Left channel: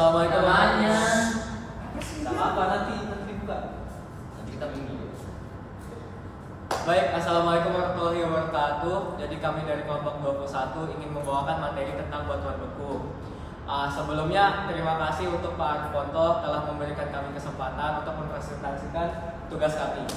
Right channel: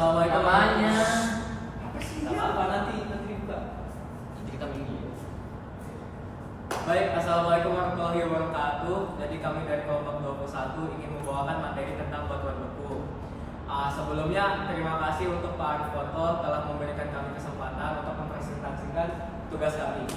Assalamualaikum. Namanya. Gak apa-apa, nanti buka. Nanti kita minggir. Baik, assalamualaikum warahmatullahi wabarakatuh. Jadi kami dari kelompok 21 ingin membawakan materi tentang batuan beku. Sebelumnya terima kasih untuk Pak Arif Ponto telah memberikan kami kesempatan untuk mempresentasikan tugas kami.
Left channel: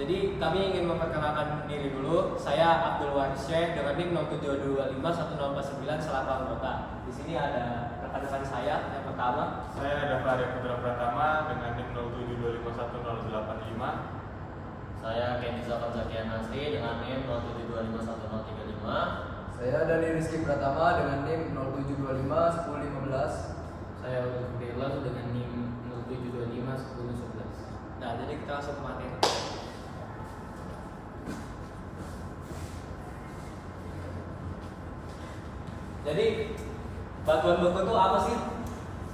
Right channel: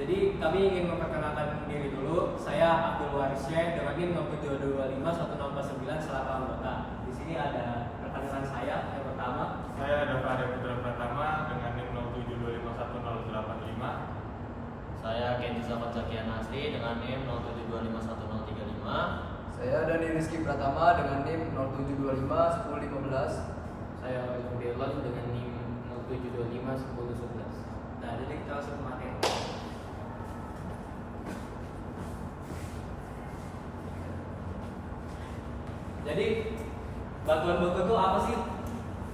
Jadi kami ingin memperkenalkan diri dulu. Saya Abdul Waris dengan NIM 072251049 selaku anggota. Di sini ada rekan-rekan saya. Yang pertama, saya ada Arya Putra Pratama dengan NIM 072511085. Saya Kenny Zafar Zakian Nasri dengan NIM 072511035. Saya Dani Rizky Pratama dengan NIM 07251015. Saya William Dirlon dengan NIM 07251011. nah jadi kita langsung ke materi. Jadi batuan beku itu apa sih?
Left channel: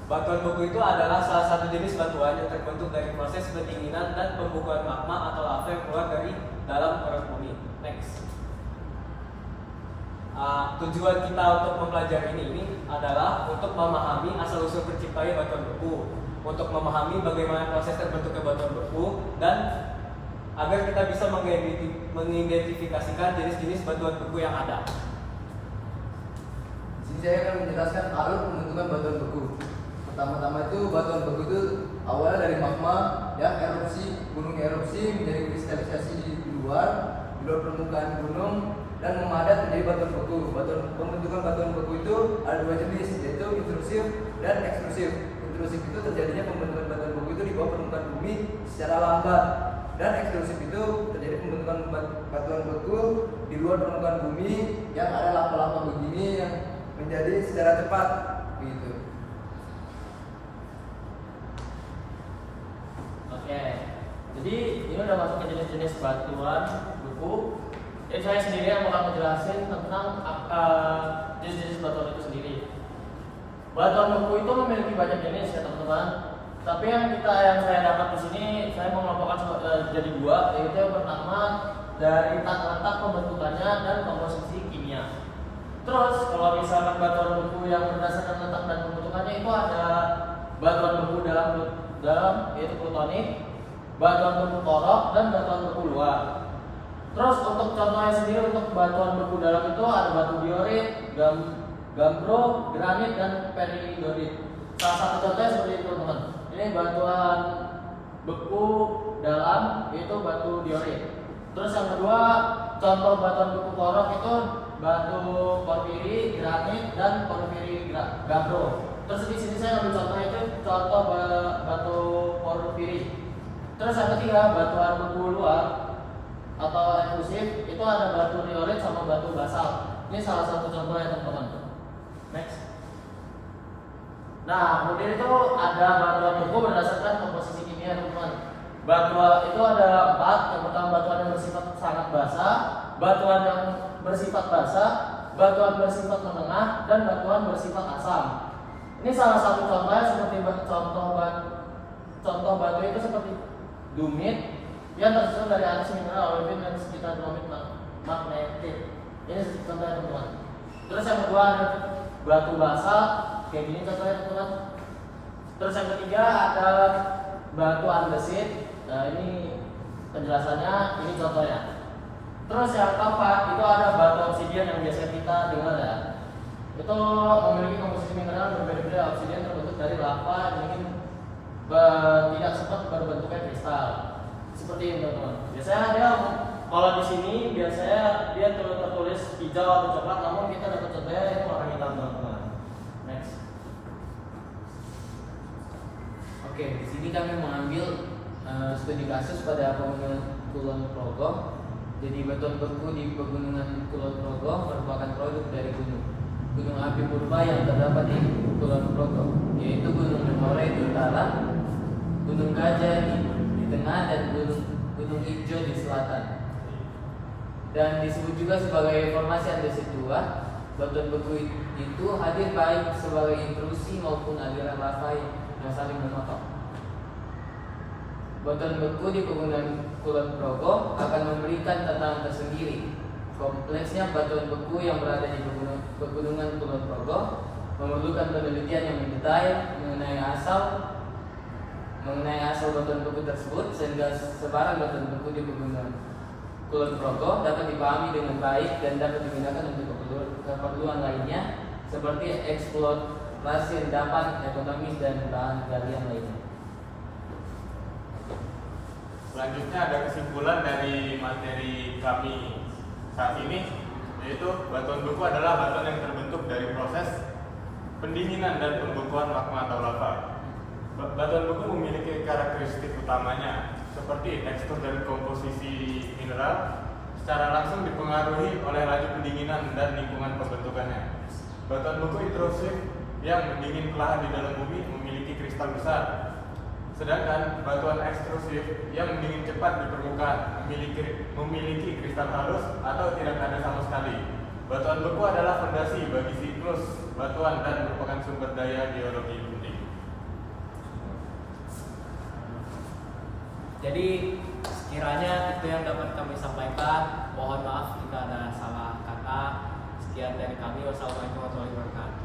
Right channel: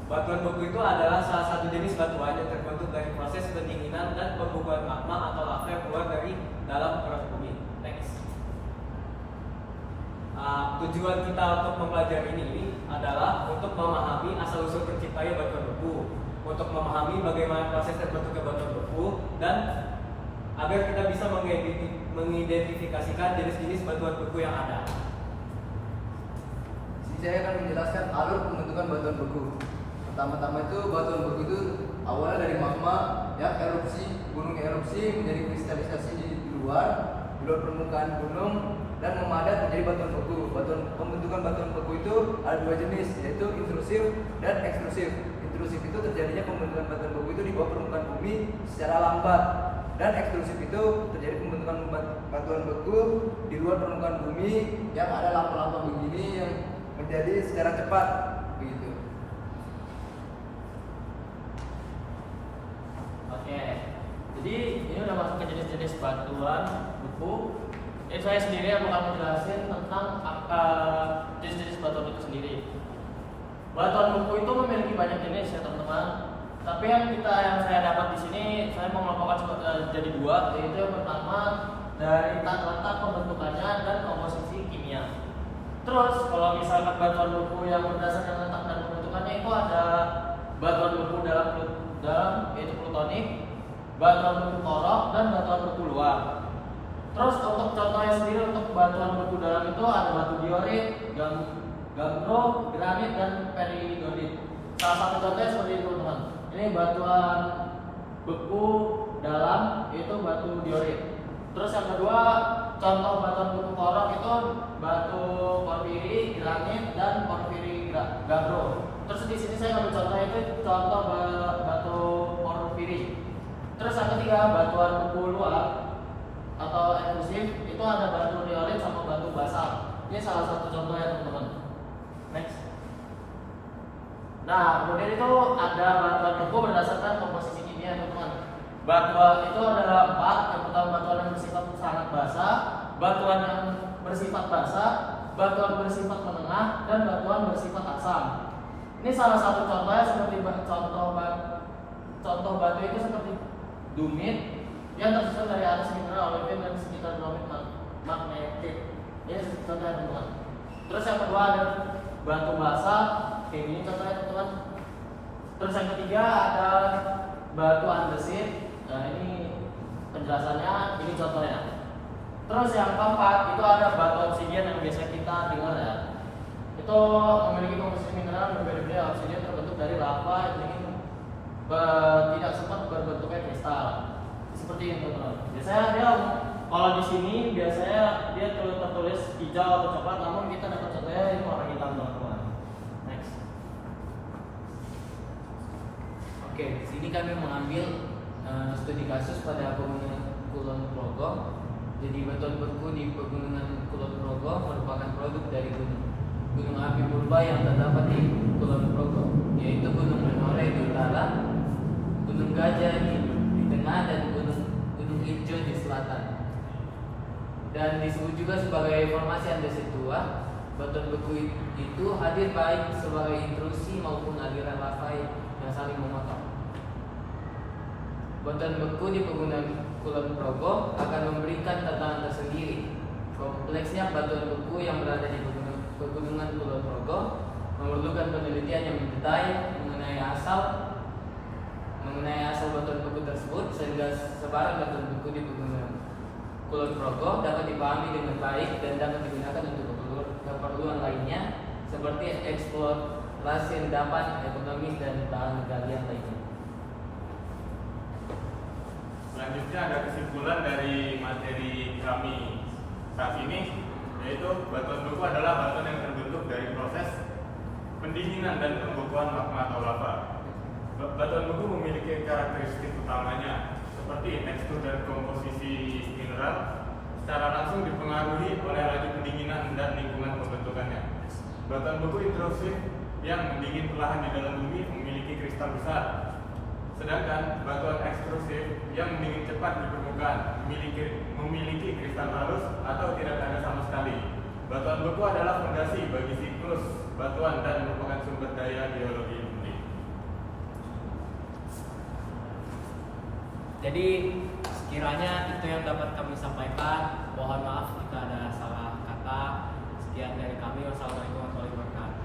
Batuan beku itu adalah salah satu jenis batuan yang terbentuk dari proses pendinginan dan pembukuan magma atau lava yang keluar dari dalam perut bumi. Next. Tujuan kita untuk mempelajari ini adalah untuk memahami asal-usul terciptanya batuan beku, untuk memahami bagaimana proses terbentuknya batuan beku, dan agar kita bisa mengidentifikasikan jenis-jenis batuan beku yang ada. Di sini saya akan menjelaskan alur pembentukan batuan beku. Pertama-tama itu batuan beku itu awalnya dari magma yang erupsi, gunung erupsi menjadi kristalisasi di luar permukaan gunung dan memadat menjadi batuan beku. Pembentukan batuan beku itu ada dua jenis, yaitu intrusif dan ekstrusif. Intrusif itu terjadinya pembentukan batuan beku itu di bawah permukaan bumi secara lambat, dan ekstrusif itu terjadi pembentukan batuan beku di luar permukaan bumi yang ada lava-lava begini yang menjadi secara cepat begitu. Oke. Jadi ini udah masuk ke jenis-jenis batuan beku. Jadi saya sendiri yang bakal menjelaskan tentang jenis-jenis batuan itu sendiri. Batuan beku itu memiliki banyak jenis ya teman-teman. Tapi yang saya dapat di sini saya mengelompokkan jadi dua, yaitu yang pertama dari letak pembentukannya dan komposisi kimia. Terus kalau misalkan batuan beku yang berdasarkan letak dan pembentukannya itu ada batuan beku dalam yaitu plutonik, batuan beku korok, dan batuan beku luar. Terus untuk contohnya sendiri untuk batuan beku dalam itu ada batu diorit, gambro, granit, dan peridotit. Salah satu contohnya seperti itu teman. Ini batuan beku dalam yaitu batu diorit. Terus yang kedua contoh batuan beku korok itu batu porfiri, granit, dan porfiri gambro. Terus di sini saya ngambil contoh itu contoh batu porfiri. Terus yang ketiga batuan beku luar atau eksklusif itu ada batu diorit sama batu basalt. Ini salah satu contohnya teman-teman. Next. Nah kemudian itu ada batuan beku berdasarkan komposisi kimia teman-teman. Batuan itu ada 4. Yang pertama batuan yang bersifat sangat basah, batuan yang bersifat basah, batuan bersifat menengah, dan batuan bersifat asam. Ini salah satu contohnya seperti contoh batu itu seperti dumit yang tersusun dari atas mineral olivin dan sekitar bromid magnetit. Ini contohnya teman-teman. Terus yang kedua ada batu basalt, kayak gini contohnya teman-teman. Terus yang ketiga ada batu andesit. Nah ini penjelasannya, ini contohnya. Terus yang keempat itu ada batu obsidian yang biasa kita dengar ya. Itu memiliki komposisi mineral berbeda-beda. Obsidian terbentuk dari lava yang ingin tidak sempat berbentuknya kristal. Seperti ini teman-teman. Biasanya dia kalau di sini biasanya dia tertulis hijau atau coklat, namun kita dapat contohnya itu warna hitam teman-teman. Next. Oke, di sini kami mengambil studi kasus pada pegunungan Kulon Progo. Jadi batuan beku di pegunungan Kulon Progo merupakan produk dari gunung api purba yang terdapat di Kulon Progo, yaitu Gunung Menoreh di utara, Gunung Gajah di tengah, dan Gunung Ijo di selatan. Dan disebut juga sebagai formasi andesit tua. Batuan beku itu hadir baik sebagai intrusi maupun aliran lava yang saling memotong. Batuan beku di pegunungan Kulon Progo akan memberikan tantangan tersendiri. Kompleksnya batuan beku yang berada di pegunungan Kulon Progo memerlukan penelitian yang mendetail mengenai asal batuan beku tersebut, sehingga sebaran batuan beku di pegunungan Kulon Progo dapat dipahami dengan baik dan dapat digunakan untuk keperluan lainnya seperti eksplorasi endapan ekonomis dan bahan galian lainnya. Selanjutnya ada kesimpulan dari materi kami saat ini, yaitu batuan beku adalah batuan yang terbentuk dari proses pendinginan dan pembekuan magma atau lava. Batuan beku memiliki karakteristik utamanya seperti tekstur dan komposisi mineral secara langsung dipengaruhi oleh laju pendinginan dan lingkungan pembentukannya. Batuan beku intrusif yang mendingin perlahan di dalam bumi memiliki kristal besar. Sedangkan batuan ekstrusif yang mendingin cepat di permukaan memiliki kristal halus atau tidak ada sama sekali. Batuan beku adalah fondasi bagi siklus batuan dan merupakan sumber daya geologi inti. Jadi sekiranya itu yang dapat kami sampaikan. Mohon maaf jika ada salah kata. Sekian dari kami. Wassalamualaikum warahmatullahi wabarakatuh.